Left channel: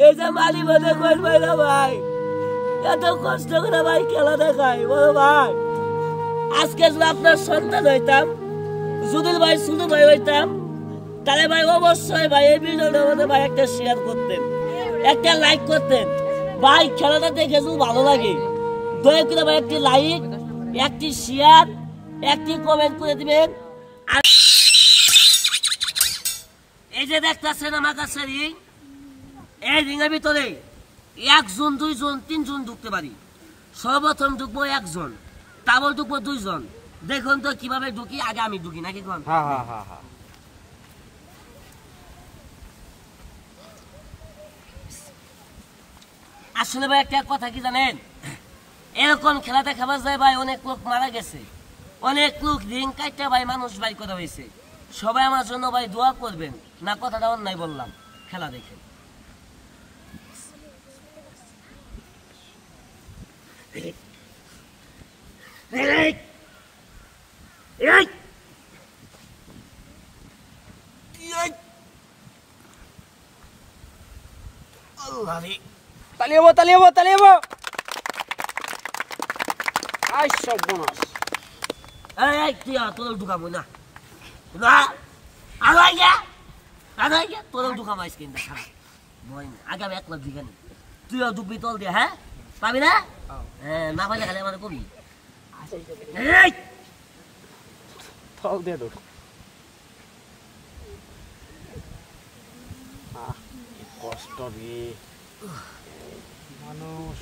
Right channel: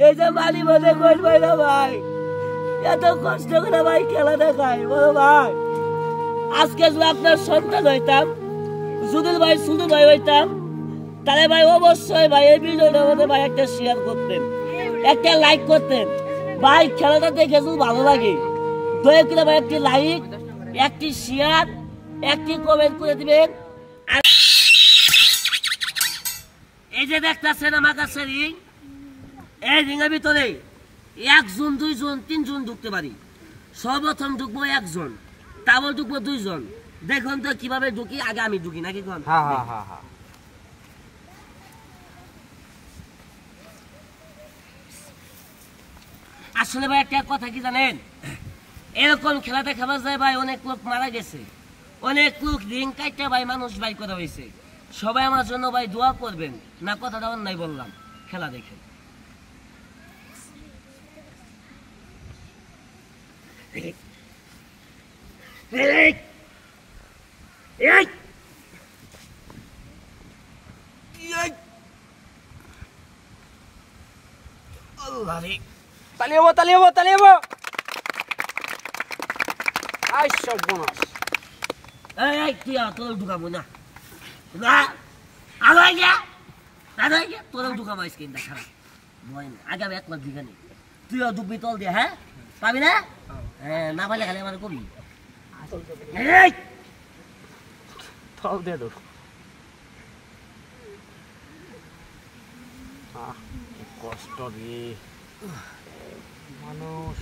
এই যে মালি মনে করবে না ভাই, এত কষ্ট করে ভাই খেলা দেখায় বলো ভাই। আজকে যদি আপনার সন্তান হইতাম, যদি ভাই শুধু ভাই হইতাম, তাহলে ভাই অবশ্যই ভাই এই ভিডিওটার মধ্যে ভাই একটা শেয়ার করতেন, একটা লাইক করতেন ভাই। খেলাটা দেখে যদি ভালো লাগে দয়া করে ভাই একটি লাইক, একটি শেয়ার, একটি কমেন্ট করে দিবেন। এই যে দেখতেছেন আমার কাছে রিং, এই রিংয়ের ভিতরে 1 জন 2 জন 3 জন ঢুকতে পারি। সর্বপ্রথম ঢুকবো 1 জন, তারপর ঢুকবো 2 জন। দেখুন তো কিভাবে ঢুকি, আগে আমি ঢুকি নাকি কোন? আসলে ভাই একটা কথা কি জানেন, এরকম খেলা দেখাবার যায় ভাই অনেক লোক মারা গেছে, অনেক লোক রিং কাটতে ভাই মানুষ ভাই করা হয়েছে। সবাই আমার জন্য ভাই দোয়া করবেন না, কথাটা অন্যায় বললাম। খেলা দেখেন। তালিয়াবো আই সব বোনাস। এই তুই তোর ঢুকাবো না না, আগাই গা তোর ঢুকাবো আজকে খারাপ ভয় না। আগে আমি 1 লাখ দিঘা নি, তুইও ঢুকবি তল দিয়ে, হ্যাঁ পাবি না? হ্যাঁ না পাইলে খালি আমার কবি তল দিয়ে ঢুক। কি কষ্ট রে মানুষ।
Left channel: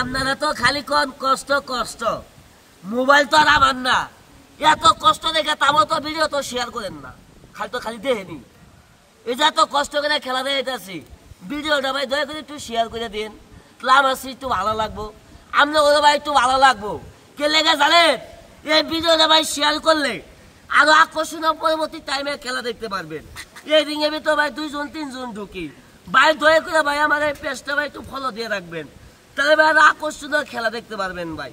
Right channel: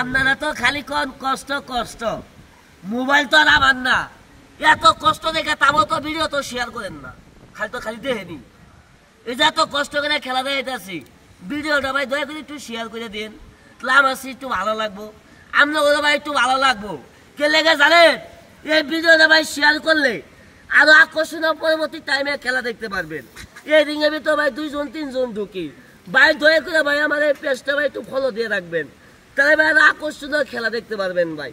আপনারা তো খালি কোন কষ্ট কষ্ট, মোবাইল তো আর আমার না, এত কষ্ট দেখে তাও তো ভিডিও তো শেয়ার করেন না, খালি দেখেনি। এই যে এত কষ্ট করে খেলা দেখাইতেছি, ভিডিওটা ভাই দয়া করে একটু শেয়ার করে দিন, তাহলে আমার একটু ভালো লাগবো, আপনার ভাই একটু ভালো লাগবো। কে লেগে জানেন, এই ভিডিওটা ভাই শেয়ার করলে আরো আকর্ষণীয় পরবর্তী টাইমে খেলা দেখতে পারবেন। এই রিং এর ভিতরে ভাই 2 জন 3 জন ঢুকি ভাই, দয়া করে ভাই আমার এই পেজটা ভাই একটু ফলো দিয়ে রাখবেন, তাহলে ভাই আরো আকর্ষণীয় খেলা দেখতে পারবেন ভাই।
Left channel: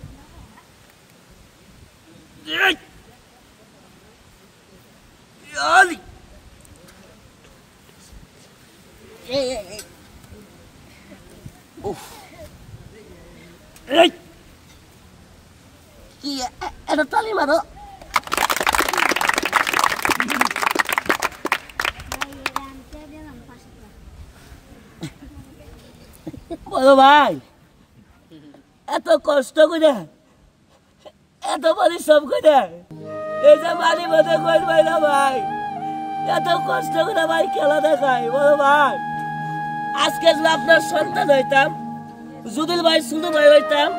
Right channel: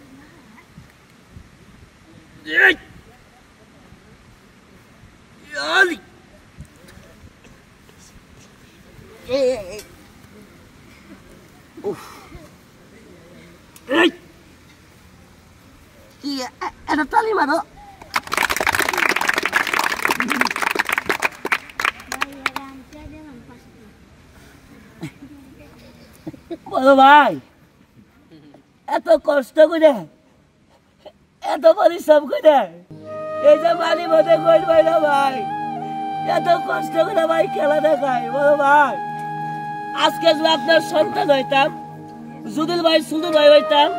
এটা তালি মারো। বলো ভাই, এত কষ্ট করে, এত পরিশ্রম করে এই যে মালি মধ্যে করবে না ভাই, এত কষ্ট করে ভাই খেলা দেখায় বলো ভাই। আজকে যদি আপনার সন্তান হইতাম, যদি ভাই শুধু ভাই হইতাম,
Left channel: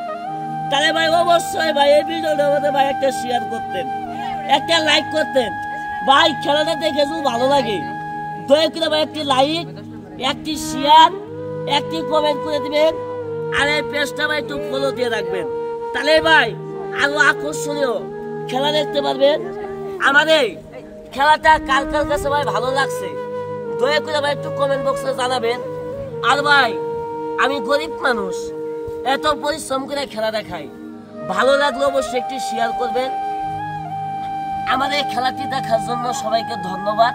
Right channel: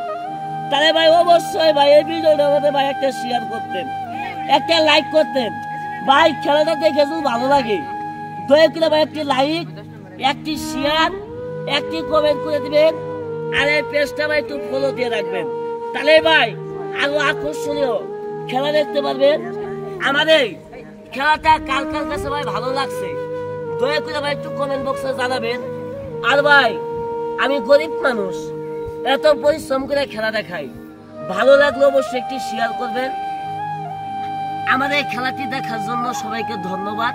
তাহলে ভাই অবশ্যই ভাই এই ভিডিওটার মধ্যে ভাই একটা শেয়ার করতেন, একটা লাইক করতেন ভাই। খেলাটা দেখে যদি ভালো লাগে দয়া করে ভাই একটি লাইক, একটি শেয়ার, একটি কমেন্ট করে দিবেন, আর এই পেজটা ভাই একটু ফলো দিয়ে রাখবেন, তাহলে ভাই আরো আকর্ষণীয় খেলা দেখতে পারবেন। আমাদের খেলাটা কার কার কাছে ভাই ভালো লাগছে দয়া করে ভাই একটু কমেন্ট বক্সে জানাবেন। আর ভাই আমি গরিব মানুষ, এত পরিশ্রম করে খেলা দেখাই, ভালো লাগলে অবশ্যই একটি শেয়ার করবেন। আমাদের খেলাটি দেখার জন্য সবাইকে ধন্যবাদ।